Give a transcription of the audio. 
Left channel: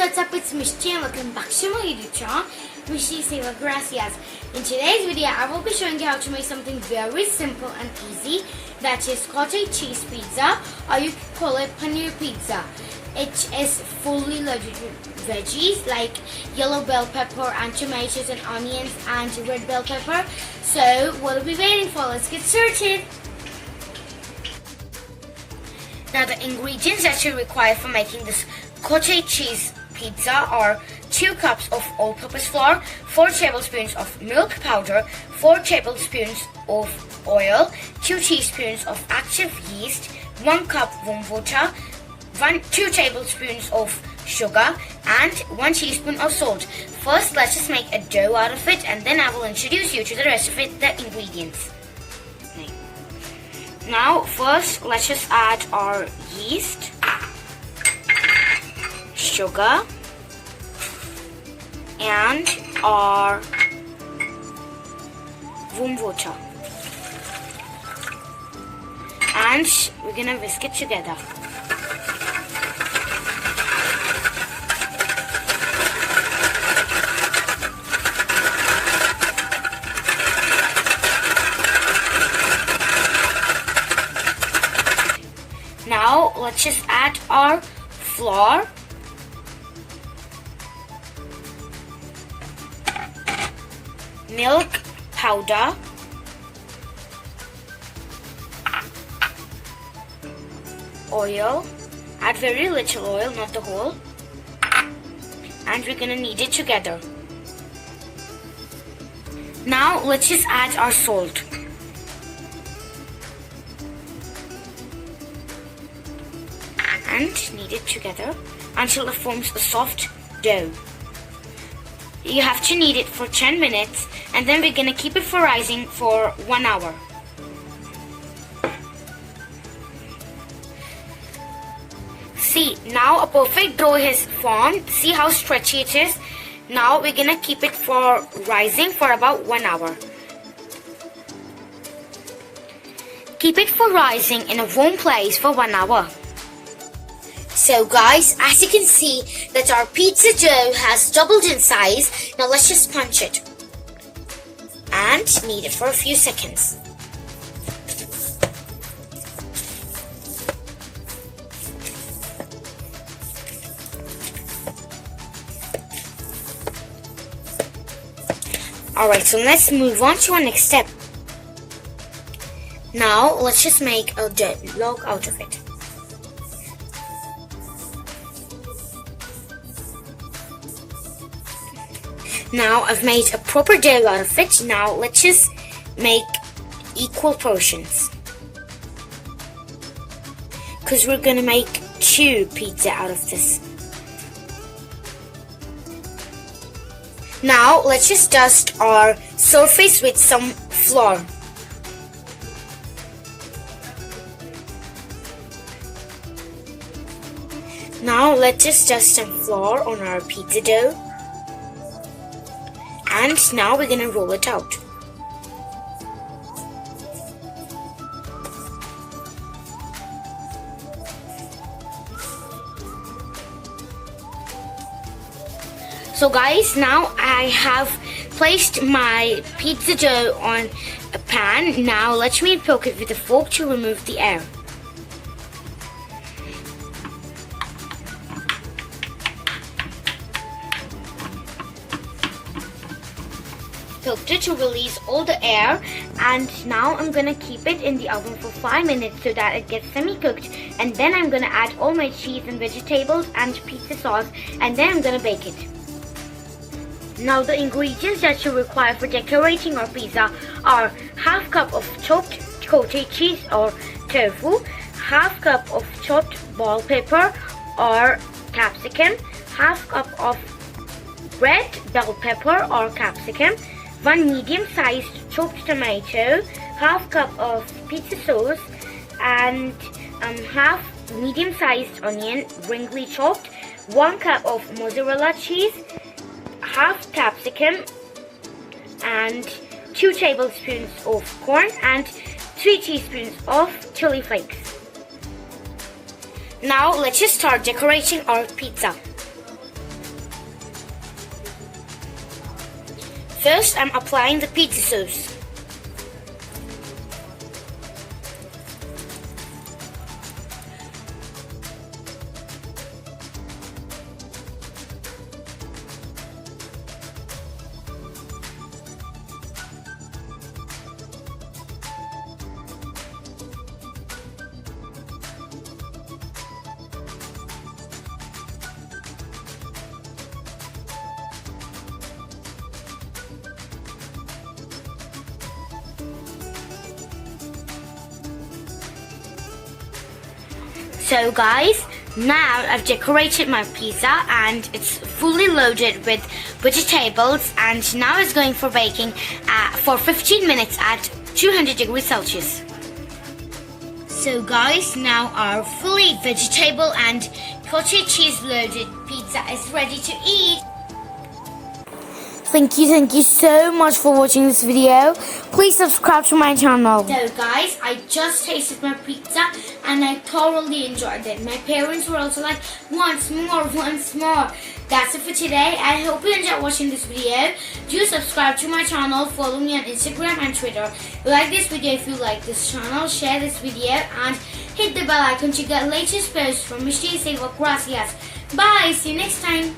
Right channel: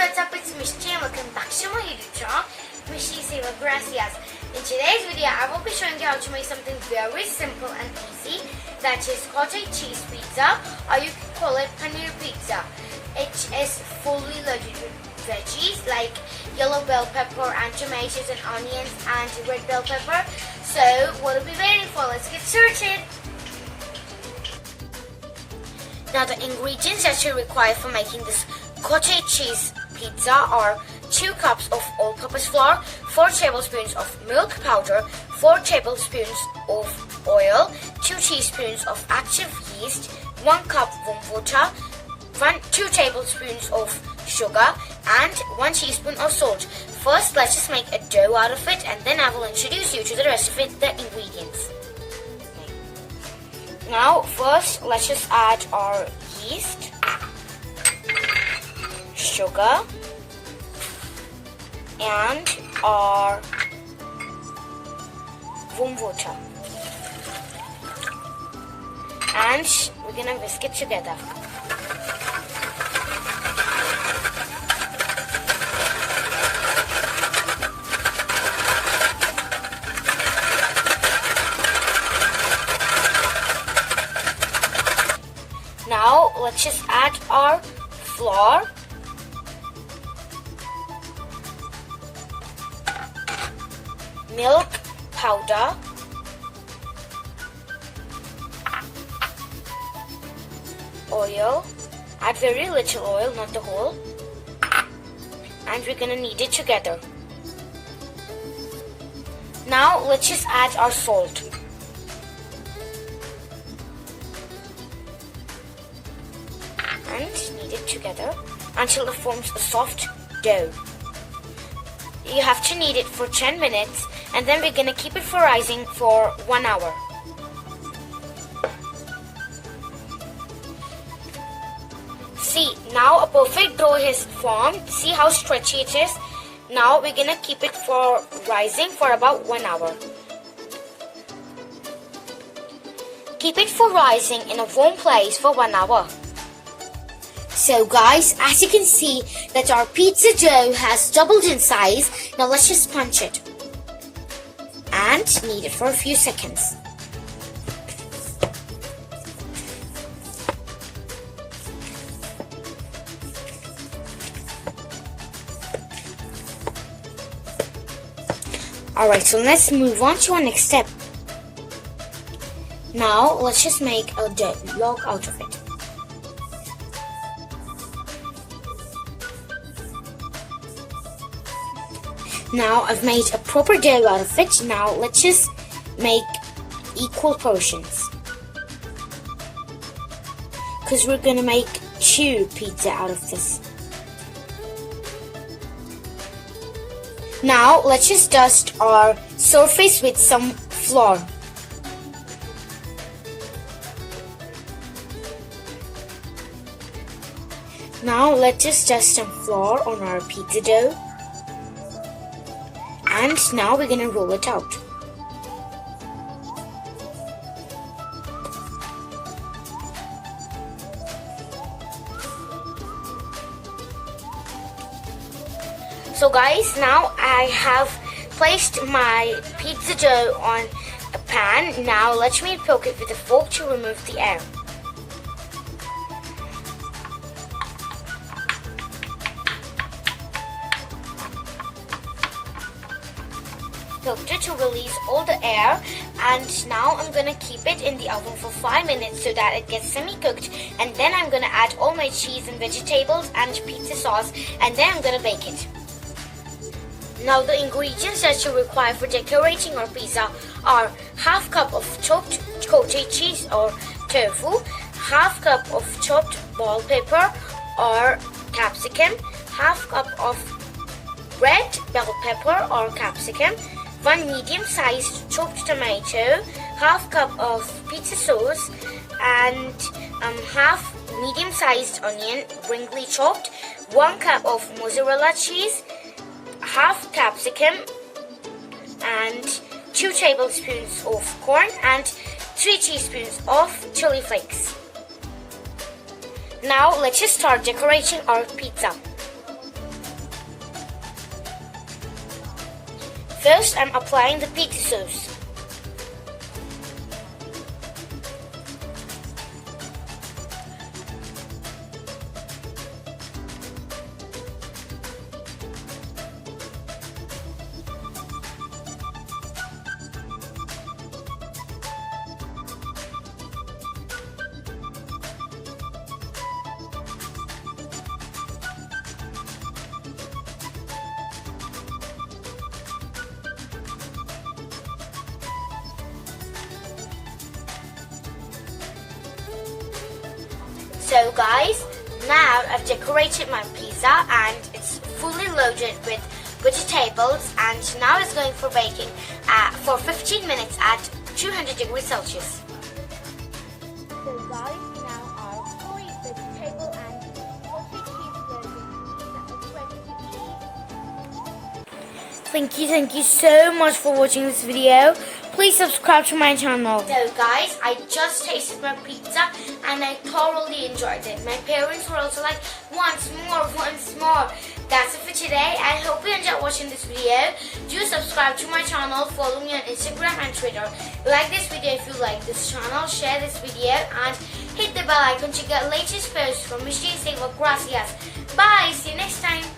What's up, it's Mishty and welcome back to my YouTube channel, Mishty Savour Gracias. In today's video, I will be showing you how to make something very simple and easy, that is cottage cheese pizza, or you can call it Paneer pizza. It is fully loaded with veggies like yellow bell pepper and tomatoes and onions and red bell pepper. So what are we waiting for? Let's get started. Now the ingredients that you require for making this cottage cheese pizza are 2 cups of all-purpose flour, 4 tablespoons of milk powder, 4 tablespoons of oil, 2 teaspoons of active yeast, 1 cup warm water, 2 tablespoons of sugar and 1 teaspoon of salt. First, let's just make a dough out of it, and then I will introduce you to the rest of it, the ingredients. Now, first, let's just add our yeast, sugar, and our warm water. And we're gonna whisk it together. Now let's just add our flour, milk powder, oil, add very little oil, not the whole, and we're gonna knead it together. Now let's just add our salt. And knead it together until it forms a soft dough. You have to knead it for 10 minutes, and then we're gonna keep it for rising for 1 hour. See, now a perfect dough is formed. See how stretchy it is? Now we're gonna keep it for rising for about 1 hour. Keep it for rising in a warm place for 1 hour. So guys, as you can see that our pizza dough has doubled in size. Now let's just punch it and knead it for a few seconds. Alright, so let's move on to our next step. Now let's just make a dough log out of it. Now I've made a proper dough out of it. Now let's just make equal portions, because we're gonna make 2 pizza out of this. Now let's just dust our surface with some flour. Now let's just dust some flour on our pizza dough. And now we're gonna roll it out. So guys, now I have placed my pizza dough on a pan. Now let me poke it with a fork to remove the air. Poked it to release all the air, and now I'm gonna keep it in the oven for 5 minutes so that it gets semi-cooked, and then I'm gonna add all my cheese and vegetables and pizza sauce, and then I'm gonna bake it. Now the ingredients that you require for decorating our pizza are half cup of chopped cottage cheese or tofu, half cup of chopped bell pepper or capsicum, half cup of red bell pepper or capsicum, 1 medium-sized chopped tomato, half cup of pizza sauce, and half medium-sized onion, ringly chopped, 1 cup of mozzarella cheese, half capsicum, and 2 tablespoons of corn, and 3 teaspoons of chili flakes. Now let's just start decorating our pizza. First, I'm applying the pizza sauce. So guys, now I've decorated my pizza and it's fully loaded with vegetables, and now it's going for baking for 15 minutes at 200 degrees Celsius. So guys, now our fully vegetable and cottage cheese loaded pizza is ready to eat. Thank you so much for watching this video. Please subscribe to my channel. So guys, I just tasted my pizza and I thoroughly enjoyed it. My parents were also like, once more. That's it for today. I hope you enjoyed watching this video. Do subscribe to my channel, follow me on Instagram and Twitter. Like this video if you like this channel, share this video and hit the bell icon to get latest posts from MISHTY'S, Savour, Gracias. Bye, see you next time.